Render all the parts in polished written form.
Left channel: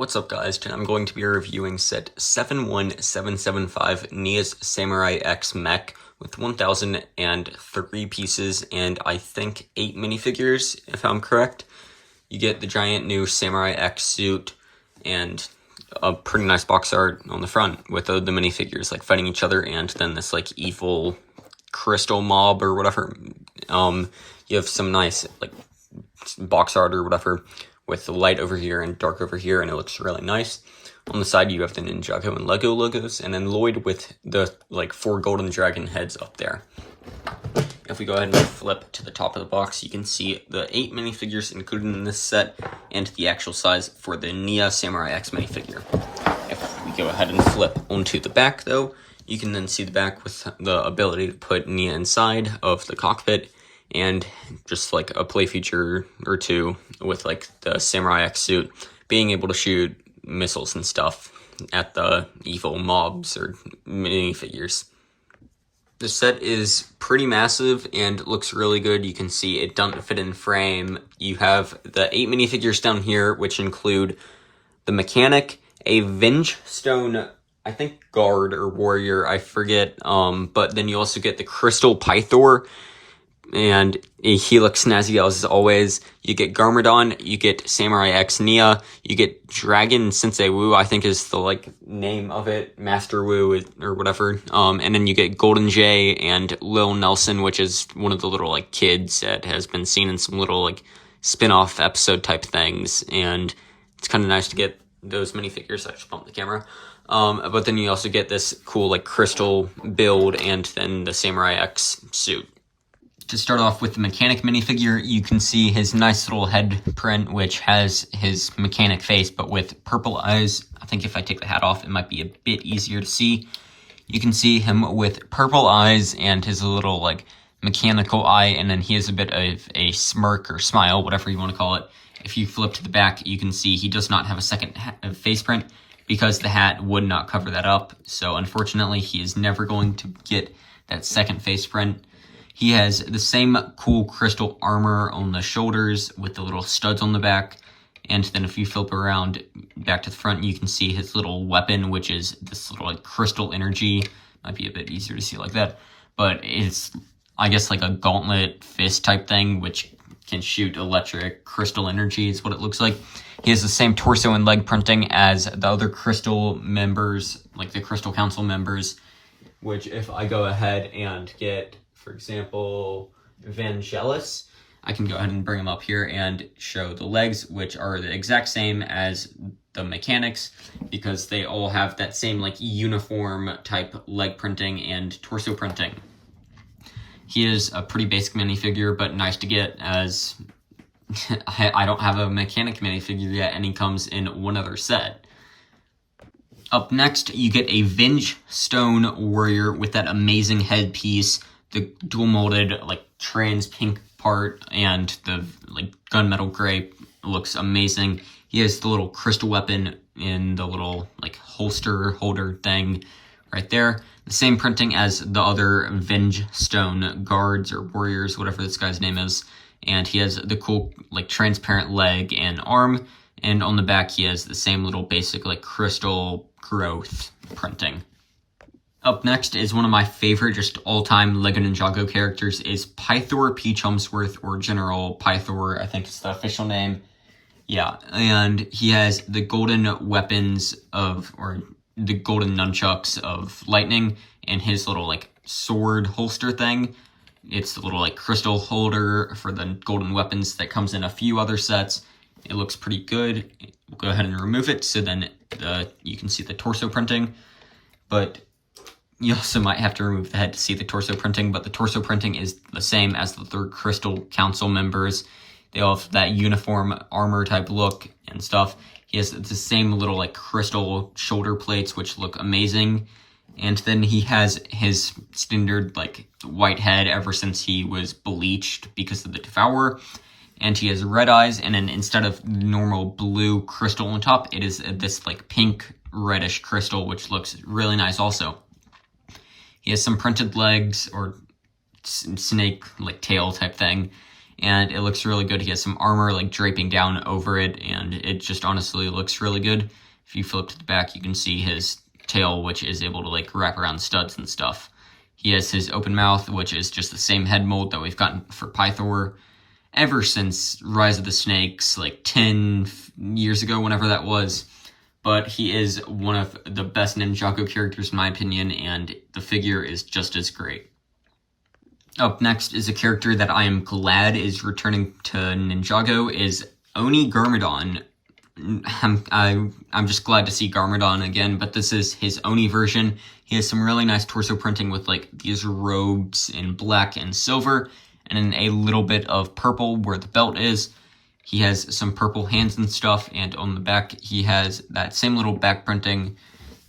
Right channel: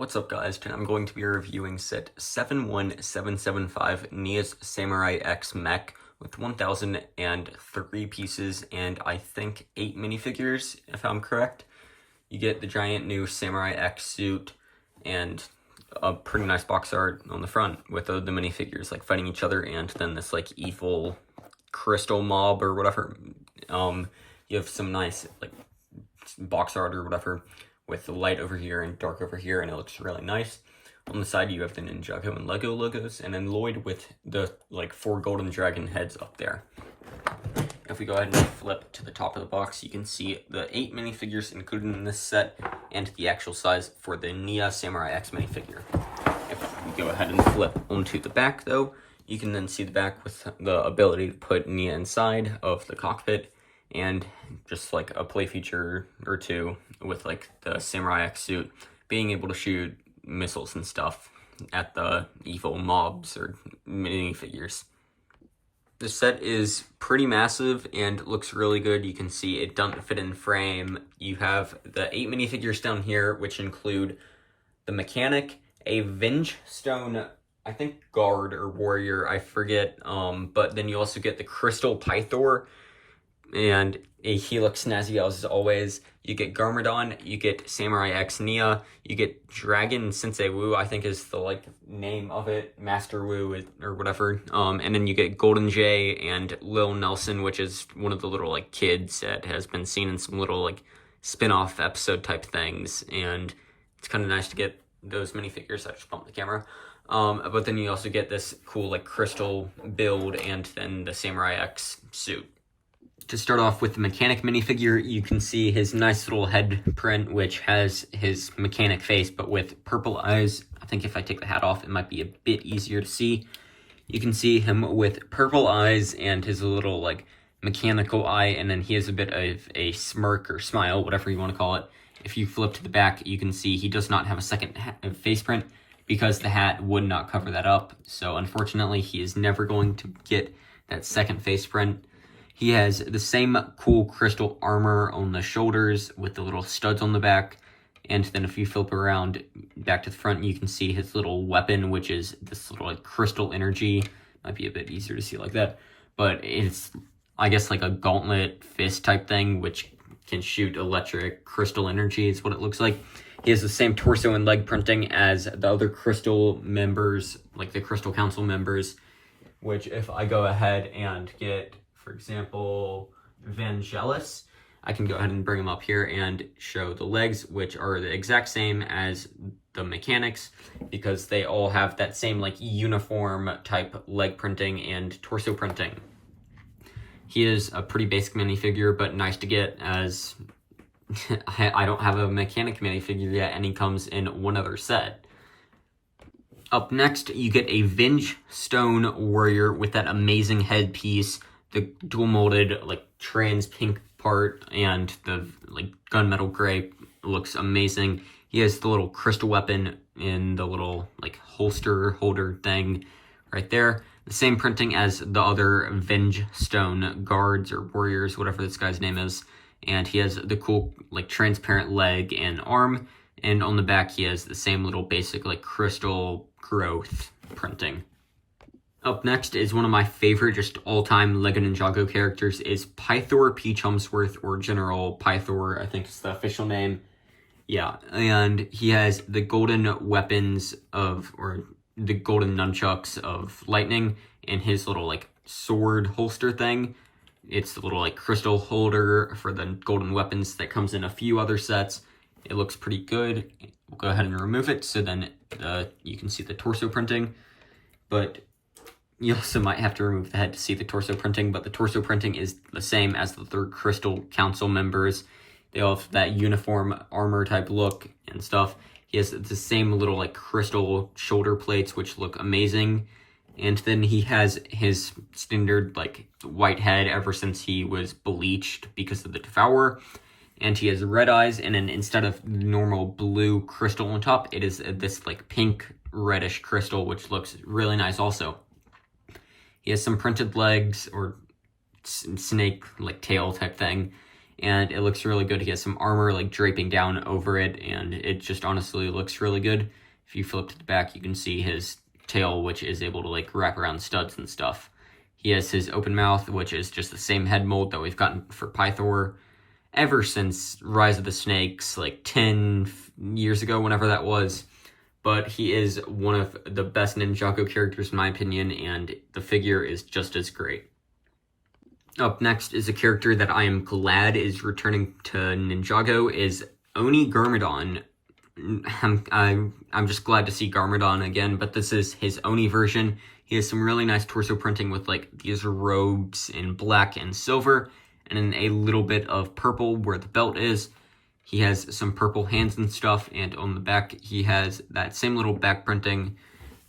What's up, guys? Today I'm going to be reviewing set 71775 Nia's Samurai X MECH with 1,003 pieces and I think 8 minifigures, if I'm correct. You get the giant new Samurai X suit and a pretty nice box art on the front with the minifigures like fighting each other, and then this like evil crystal mob or whatever. You have some nice like box art or whatever with the light over here and dark over here, and it looks really nice. On the side, you have the Ninjago and Lego logos, and then Lloyd with the like 4 golden dragon heads up there. If we go ahead and flip to the top of the box, you can see the 8 minifigures included in this set and the actual size for the Nia Samurai X minifigure. If we go ahead and flip onto the back, though, you can then see the back with the ability to put Nia inside of the cockpit, and just like a play feature or two with like the Samurai X suit being able to shoot missiles and stuff at the evil mobs or minifigures. The set is pretty massive and looks really good. You can see it doesn't fit in frame. You have the 8 minifigures down here, which include the mechanic, a Venge Stone, I think guard or warrior, I forget, but then you also get the Crystal Pythor, and he looks snazzy as always. You get Garmadon, you get Samurai X Nia, you get Dragon Sensei Wu, I think is the like name of it, Master Wu or whatever. And then you get Golden Jay and Lil Nelson, which is one of the little like kids that has been seen in some little like spin-off episode type things, and it's kind of nice to get those minifigures. I should bump the camera. But then you also get this cool like crystal build and then the Samurai X suit. To start off with the mechanic minifigure, you can see his nice little head print, which has his mechanic face, but with purple eyes. I think if I take the hat off, it might be a bit easier to see. You can see him with purple eyes and his little, like, mechanical eye, and then he has a bit of a smirk or smile, whatever you want to call it. If you flip to the back, you can see he does not have a second face print because the hat would not cover that up. So, unfortunately, he is never going to get that second face print. He has the same cool crystal armor on the shoulders with the little studs on the back. And then if you flip around back to the front, you can see his little weapon, which is this little like crystal energy. Might be a bit easier to see like that. But it's, I guess, like a gauntlet fist type thing, which can shoot electric crystal energy is what it looks like. He has the same torso and leg printing as the other crystal members, like the Crystal Council members, which if I go ahead and get, for example, Vangelis, I can go ahead and bring him up here and show the legs, which are the exact same as the mechanics because they all have that same like uniform type leg printing and torso printing. He is a pretty basic minifigure, but nice to get as I don't have a mechanic minifigure yet, and he comes in one other set. Up next, you get a Venge Stone warrior with that amazing headpiece, the dual molded like trans pink part, and the like gunmetal gray looks amazing. He has the little crystal weapon in the little like holster holder thing right there. The same printing as the other Venge Stone guards or warriors, whatever this guy's name is. And he has the cool like transparent leg and arm. And on the back, he has the same little basic like crystal growth printing. Up next is one of my favorite just all-time LEGO Ninjago characters is Pythor P. Chumsworth, or General Pythor, I think is the official name. Yeah, and he has the golden weapons of, or the golden nunchucks of lightning in his little like sword holster thing. It's the little like crystal holder for the golden weapons that comes in a few other sets. It looks pretty good. We'll go ahead and remove it so then you can see the torso printing, but you also might have to remove the head to see the torso printing, but the torso printing is the same as the third Crystal Council members. They all have that uniform armor type look and stuff. He has the same little like crystal shoulder plates, which look amazing. And then he has his standard like white head ever since he was bleached because of the Devourer. And he has red eyes, and then instead of normal blue crystal on top, it is this like pink reddish crystal, which looks really nice also. He has some printed legs or snake like tail type thing, and it looks really good. He has some armor like draping down over it, and it just honestly looks really good. If you flip to the back, you can see his tail, which is able to like wrap around studs and stuff. He has his open mouth, which is just the same head mold that we've gotten for Pythor ever since Rise of the Snakes, like 10 years ago, whenever that was. But he is one of the best Ninjago characters in my opinion, and the figure is just as great. Up next is a character that I am glad is returning to Ninjago, is Oni Garmadon. I'm just glad to see Garmadon again, but this is his Oni version. He has some really nice torso printing with like these robes in black and silver, and then a little bit of purple where the belt is. He has some purple hands and stuff, and on the back he has that same little back printing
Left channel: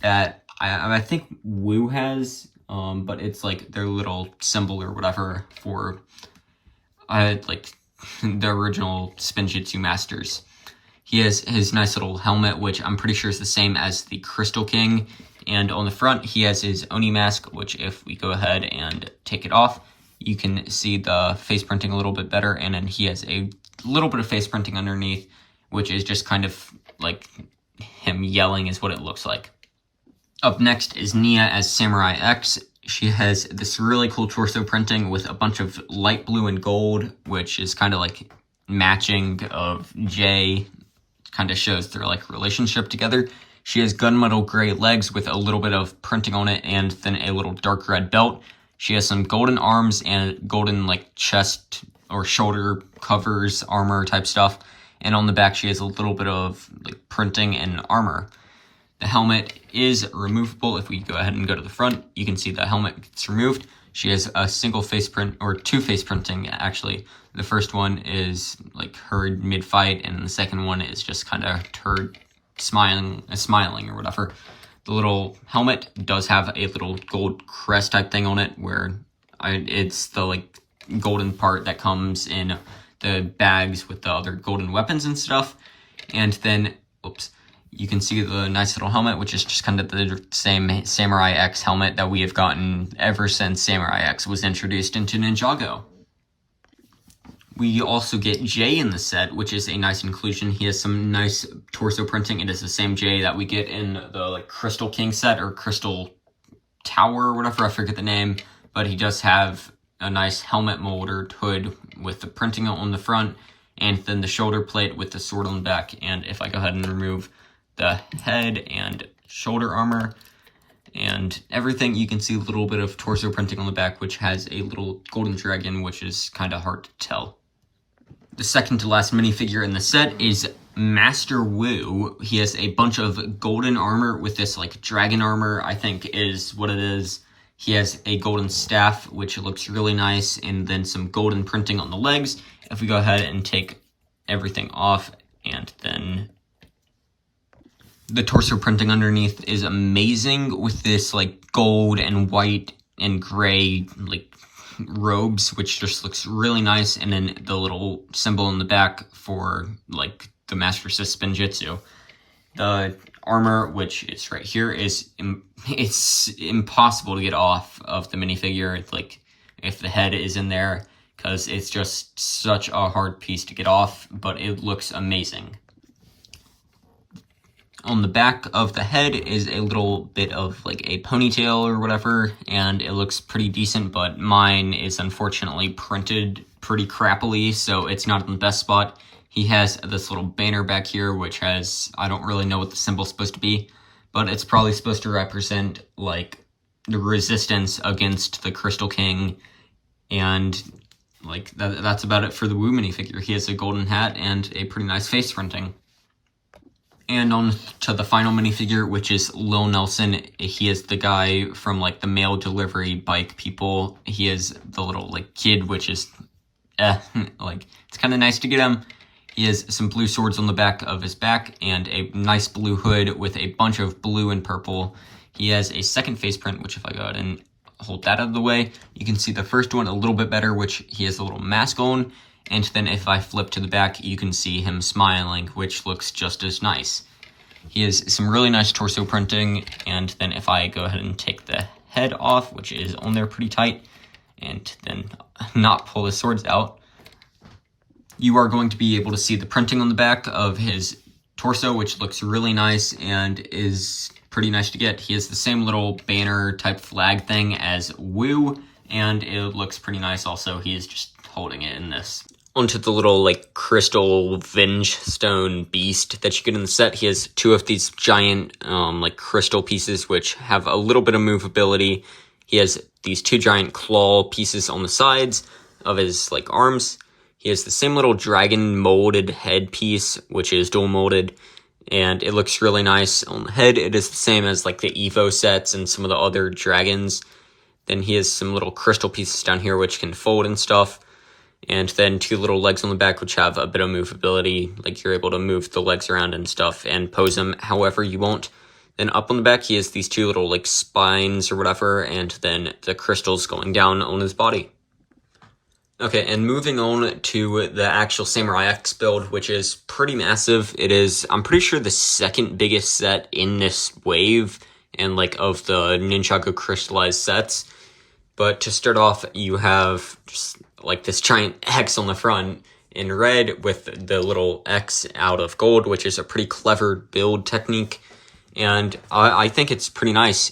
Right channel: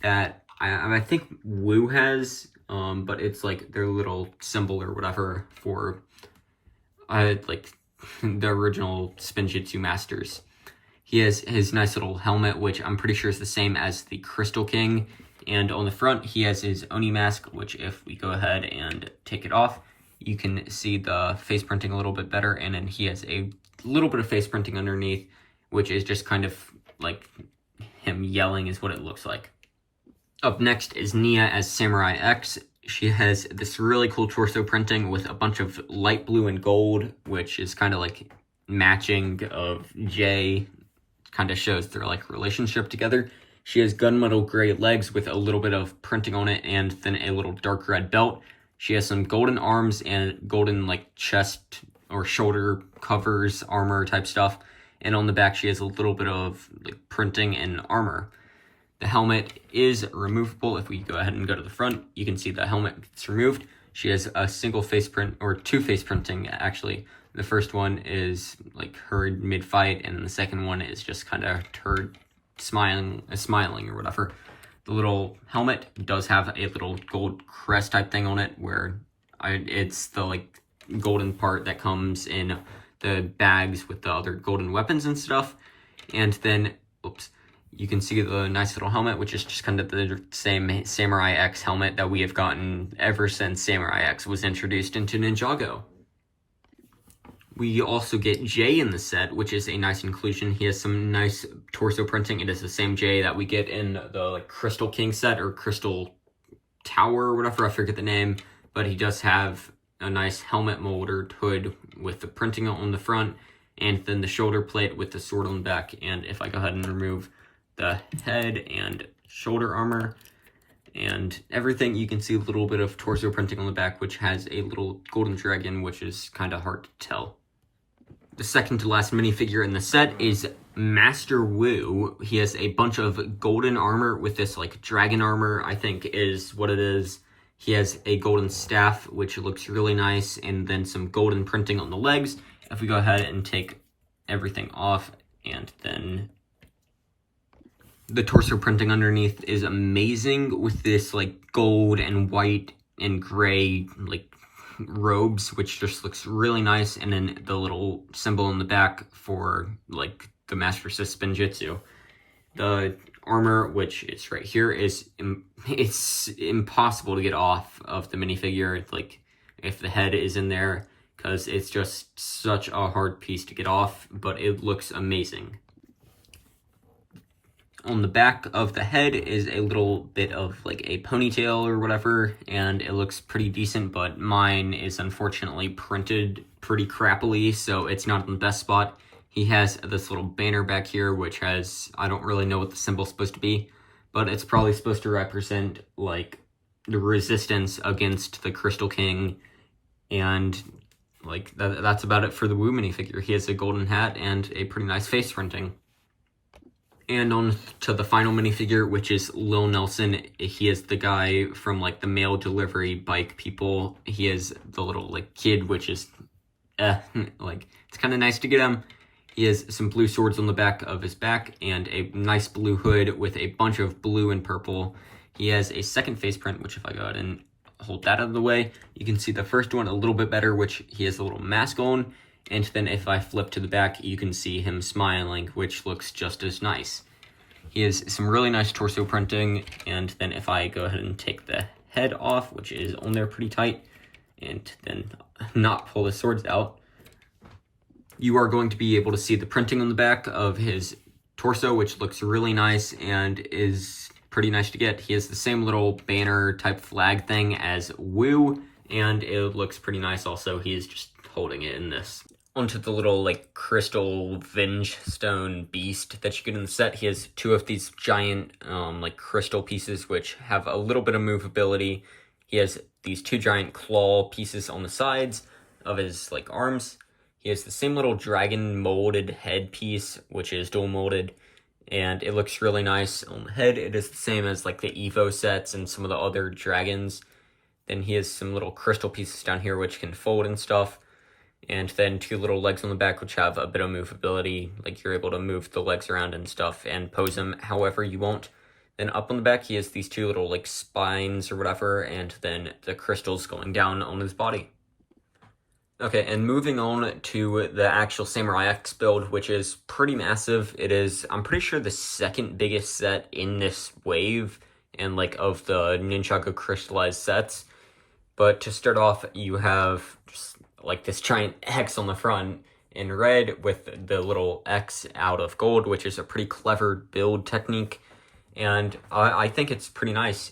that I think Wu has, but it's like their little symbol or whatever for like the original Spinjitzu Masters. He has his nice little helmet, which I'm pretty sure is the same as the Crystal King, and on the front he has his Oni mask, which if we go ahead and take it off, you can see the face printing a little bit better, and then he has a little bit of face printing underneath, which is just kind of like him yelling is what it looks like. Up next is Nia as Samurai X. She has this really cool torso printing with a bunch of light blue and gold, which is kind of like matching of Jay, kind of shows their like relationship together. She has gunmetal gray legs with a little bit of printing on it, and then a little dark red belt. She has some golden arms and golden like chest or shoulder covers, armor type stuff. And on the back, she has a little bit of like printing and armor. The helmet is removable. If we go ahead and go to the front, you can see the helmet gets removed. She has a single face print, or two face printing actually. The first one is like her mid-fight, and the second one is just kind of her smiling or whatever. The little helmet does have a little gold crest type thing on it, where it's the like golden part that comes in the bags with the other golden weapons and stuff. And then, you can see the nice little helmet, which is just kind of the same Samurai X helmet that we have gotten ever since Samurai X was introduced into Ninjago. We also get Jay in the set, which is a nice inclusion. He has some nice torso printing. It is the same Jay that we get in the like Crystal King set or Crystal Tower or whatever, I forget the name, but he does have a nice helmet molded hood with the printing on the front, and then the shoulder plate with the sword on the back. And if I go ahead and remove the head and shoulder armor and everything, you can see a little bit of torso printing on the back, which has a little golden dragon, which is kind of hard to tell. The second to last minifigure in the set is Master Wu. He has a bunch of golden armor with this like dragon armor, I think is what it is. He has a golden staff, which looks really nice, and then some golden printing on the legs. If we go ahead and take everything off, and then the torso printing underneath is amazing with this like gold and white and gray like robes, which just looks really nice. And then the little symbol in the back for like the Master Spinjitzu. The armor, which is right here, is it's impossible to get off of the minifigure. It's like if the head is in there, because it's just such a hard piece to get off, but it looks amazing. On the back of the head is a little bit of like a ponytail or whatever, and it looks pretty decent, but mine is unfortunately printed pretty crappily, so it's not in the best spot. He has this little banner back here, which has, I don't really know what the symbol's supposed to be, but it's probably supposed to represent like the resistance against the Crystal King, and like that's about it for the Wu minifigure. He has a golden hat and a pretty nice face printing. And on to the final minifigure, which is Lil Nelson. He is the guy from like the mail delivery bike people. He is the little like kid, which is like it's kind of nice to get him. He has some blue swords on the back of his back and a nice blue hood with a bunch of blue and purple. He has a second face print, which if I go ahead and hold that out of the way, you can see the first one a little bit better, which he has a little mask on. And then if I flip to the back, you can see him smiling, which looks just as nice. He has some really nice torso printing. And then if I go ahead and take the head off, which is on there pretty tight, and then not pull the swords out, you are going to be able to see the printing on the back of his torso, which looks really nice and is pretty nice to get. He has the same little banner type flag thing as Woo, and it looks pretty nice also. He is just holding it in this. Onto the little like crystal Venge stone beast that you get in the set. He has two of these giant like crystal pieces which have a little bit of movability. He has these two giant claw pieces on the sides of his like arms. He has the same little dragon molded head piece, which is dual molded, and it looks really nice on the head. It is the same as like the Evo sets and some of the other dragons. Then he has some little crystal pieces down here which can fold and stuff. And then two little legs on the back which have a bit of movability, like you're able to move the legs around and stuff and pose them however you want. Then up on the back he has these two little like spines or whatever, and then the crystals going down on his body. Okay, and moving on to the actual Samurai X build, which is pretty massive. It is, I'm pretty sure, the second biggest set in this wave and like of the Ninjago crystallized sets. But to start off, you have just like this giant X on the front in red with the little X out of gold, which is a pretty clever build technique, and I think it's pretty nice.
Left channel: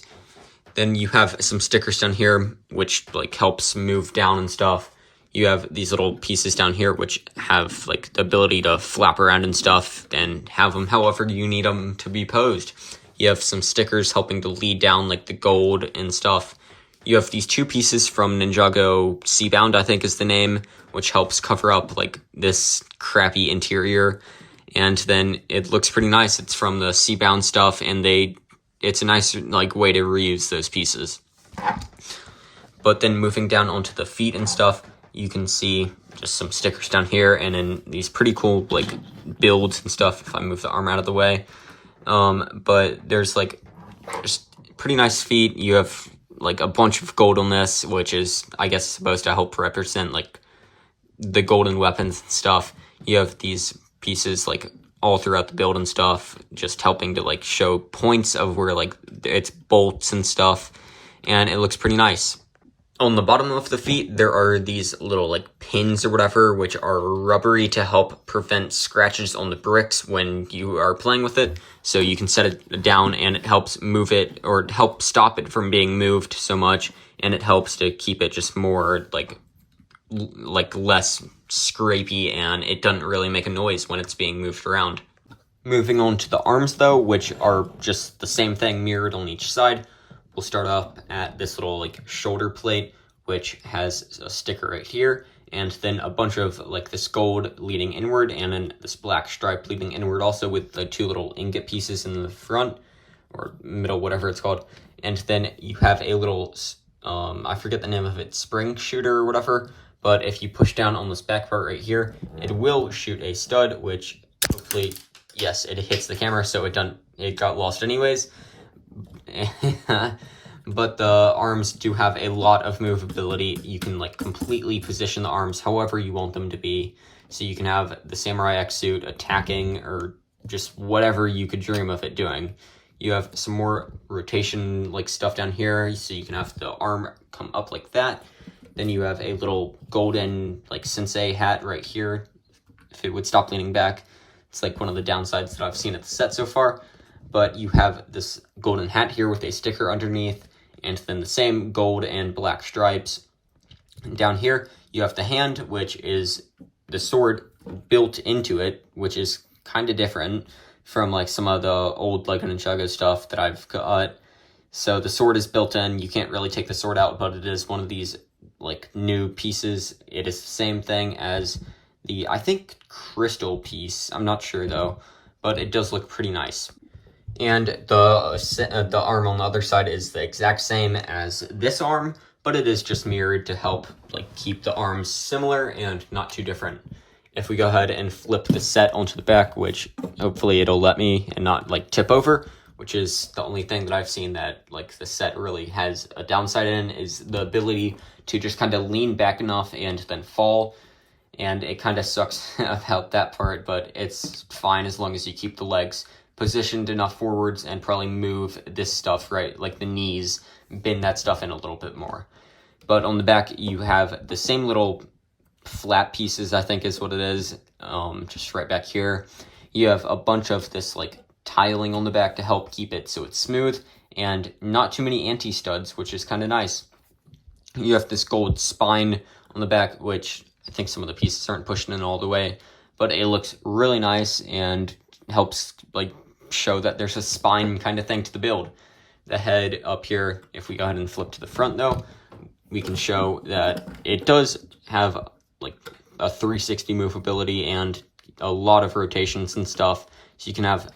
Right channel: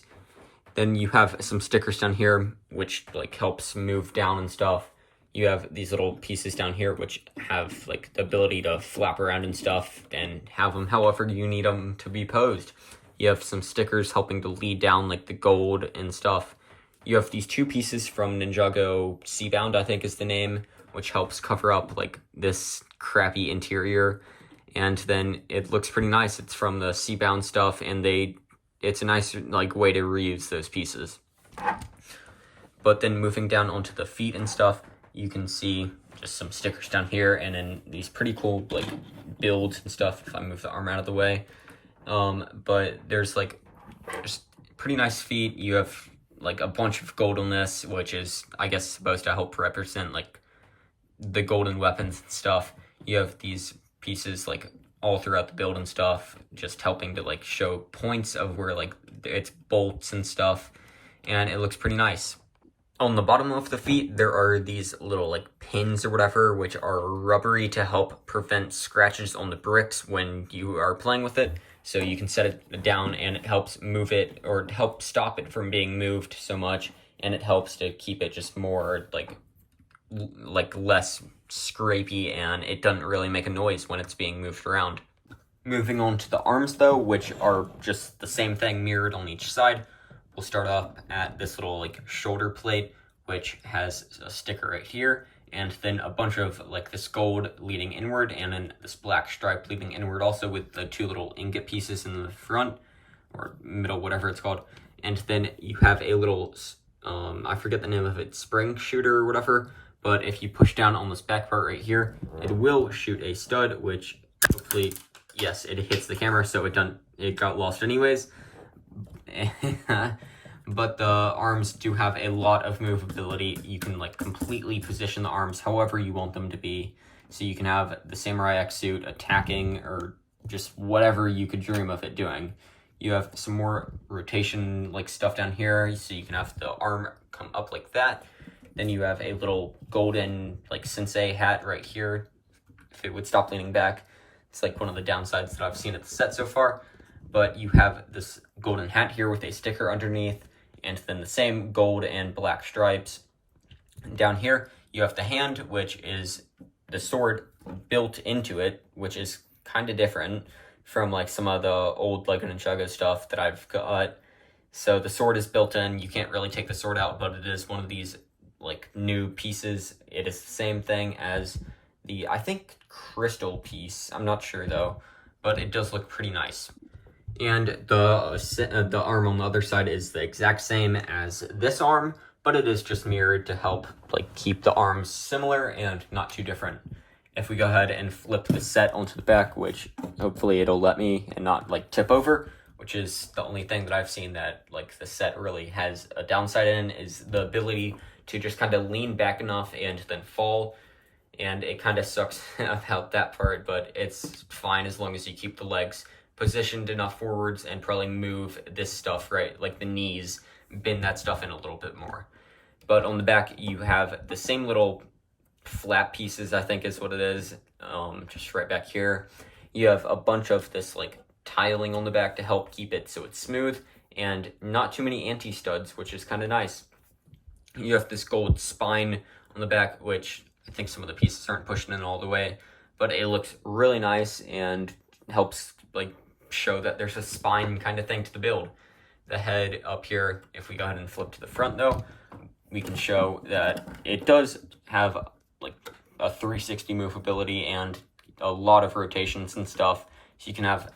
Then you have some stickers down here which like helps move down and stuff. You have these little pieces down here which have like the ability to flap around and stuff and have them however you need them to be posed. You have some stickers helping to lead down like the gold and stuff. You have these two pieces from Ninjago Seabound, I think is the name, which helps cover up like this crappy interior. And then it looks pretty nice. It's from the Seabound stuff, and it's a nice like way to reuse those pieces. But then moving down onto the feet and stuff, you can see just some stickers down here, and then these pretty cool like builds and stuff if I move the arm out of the way. But there's like just pretty nice feet. You have like a bunch of gold on this, which is, I guess, supposed to help represent like the golden weapons and stuff. You have these pieces like all throughout the build and stuff, just helping to like show points of where like it's bolts and stuff, and it looks pretty nice. On the bottom of the feet, there are these little like pins or whatever, which are rubbery to help prevent scratches on the bricks when you are playing with it. So you can set it down and it helps move it, or help stop it from being moved so much, and it helps to keep it just more like less scrapey, and it doesn't really make a noise when it's being moved around. Moving on to the arms though, which are just the same thing mirrored on each side. We'll start up at this little like shoulder plate, which has a sticker right here, and then a bunch of like this gold leading inward, and then this black stripe leading inward also, with the two little ingot pieces in the front or middle, whatever it's called. And then you have a little I forget the name of it, spring shooter or whatever, but if you push down on this back part right here, it will shoot a stud, which hopefully, yes, it hits the camera, so it got lost anyways. But the arms do have a lot of movability. You can like completely position the arms however you want them to be. So you can have the Samurai X suit attacking, or just whatever you could dream of it doing. You have some more rotation like stuff down here, so you can have the arm come up like that. Then you have a little golden like sensei hat right here, if it would stop leaning back. It's like one of the downsides that I've seen at the set so far. But you have this golden hat here with a sticker underneath, and then the same gold and black stripes. And down here, you have the hand, which is the sword built into it, which is kind of different from like some of the old Lego Ninjago stuff that I've got. So the sword is built in. You can't really take the sword out, but it is one of these like new pieces. It is the same thing as the, I think, crystal piece. I'm not sure though, but it does look pretty nice. And the arm on the other side is the exact same as this arm, but it is just mirrored to help like keep the arms similar and not too different. If we go ahead and flip the set onto the back, which hopefully it'll let me and not like tip over, which is the only thing that I've seen that like the set really has a downside in, is the ability to just kind of lean back enough and then fall. And it kind of sucks about that part, but it's fine as long as you keep the legs positioned enough forwards and probably move this stuff, right, like the knees, bend that stuff in a little bit more. But on the back, you have the same little flap pieces, I think is what it is, just right back here. You have a bunch of this like tiling on the back to help keep it so it's smooth, and not too many anti-studs, which is kind of nice. You have this gold spine on the back, which I think some of the pieces aren't pushing in all the way, but it looks really nice and helps like show that there's a spine kind of thing to the build. The head up here, if we go ahead and flip to the front though, we can show that it does have like a 360 movability and a lot of rotations and stuff. So you can have,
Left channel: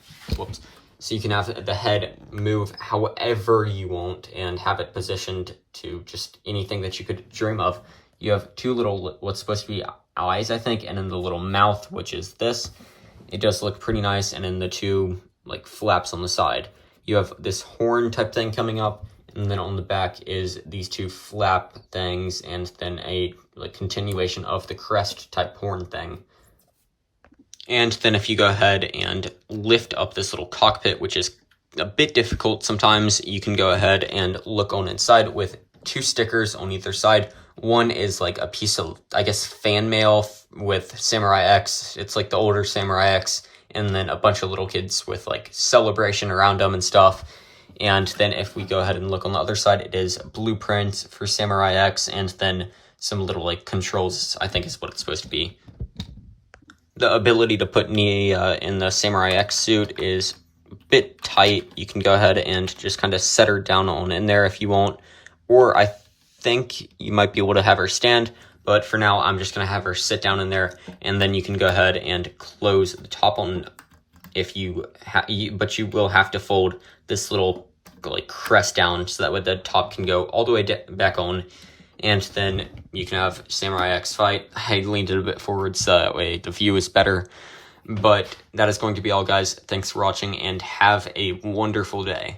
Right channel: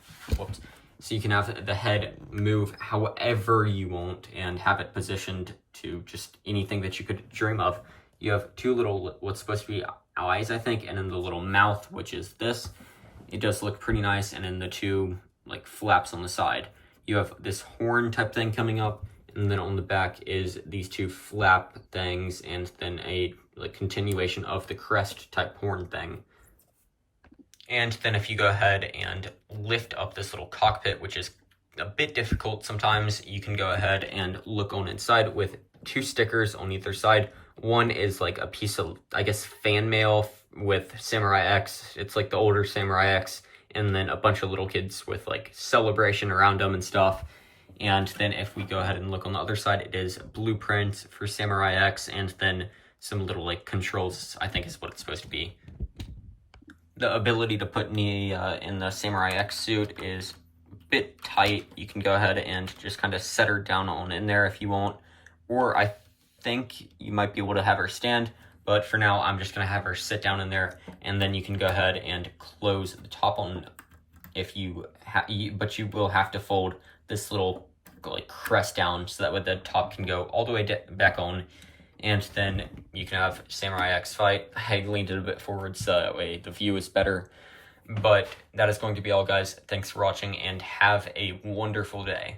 so you can have the head move however you want and have it positioned to just anything that you could dream of. You have two little, what's supposed to be eyes, I think, and then the little mouth, which is this. It does look pretty nice, and then the two like flaps on the side. You have this horn type thing coming up, and then on the back is these two flap things, and then a like continuation of the crest type horn thing. And then if you go ahead and lift up this little cockpit, which is a bit difficult sometimes, you can go ahead and look on inside with two stickers on either side. One is like a piece of, I guess, fan mail with Samurai X. It's like the older Samurai X, and then a bunch of little kids with like celebration around them and stuff. And then if we go ahead and look on the other side, it is blueprints for Samurai X, and then some little like controls, I think is what it's supposed to be. The ability to put Nia in the Samurai X suit is a bit tight. You can go ahead and just kind of set her down on in there if you want, or I think you might be able to have her stand, but for now I'm just going to have her sit down in there, and then you can go ahead and close the top on if you but you will have to fold this little like crest down so that way the top can go all the way back on, and then you can have Samurai X fight. I leaned it a bit forward so that way the view is better, but that is going to be all, guys. Thanks for watching and have a wonderful day.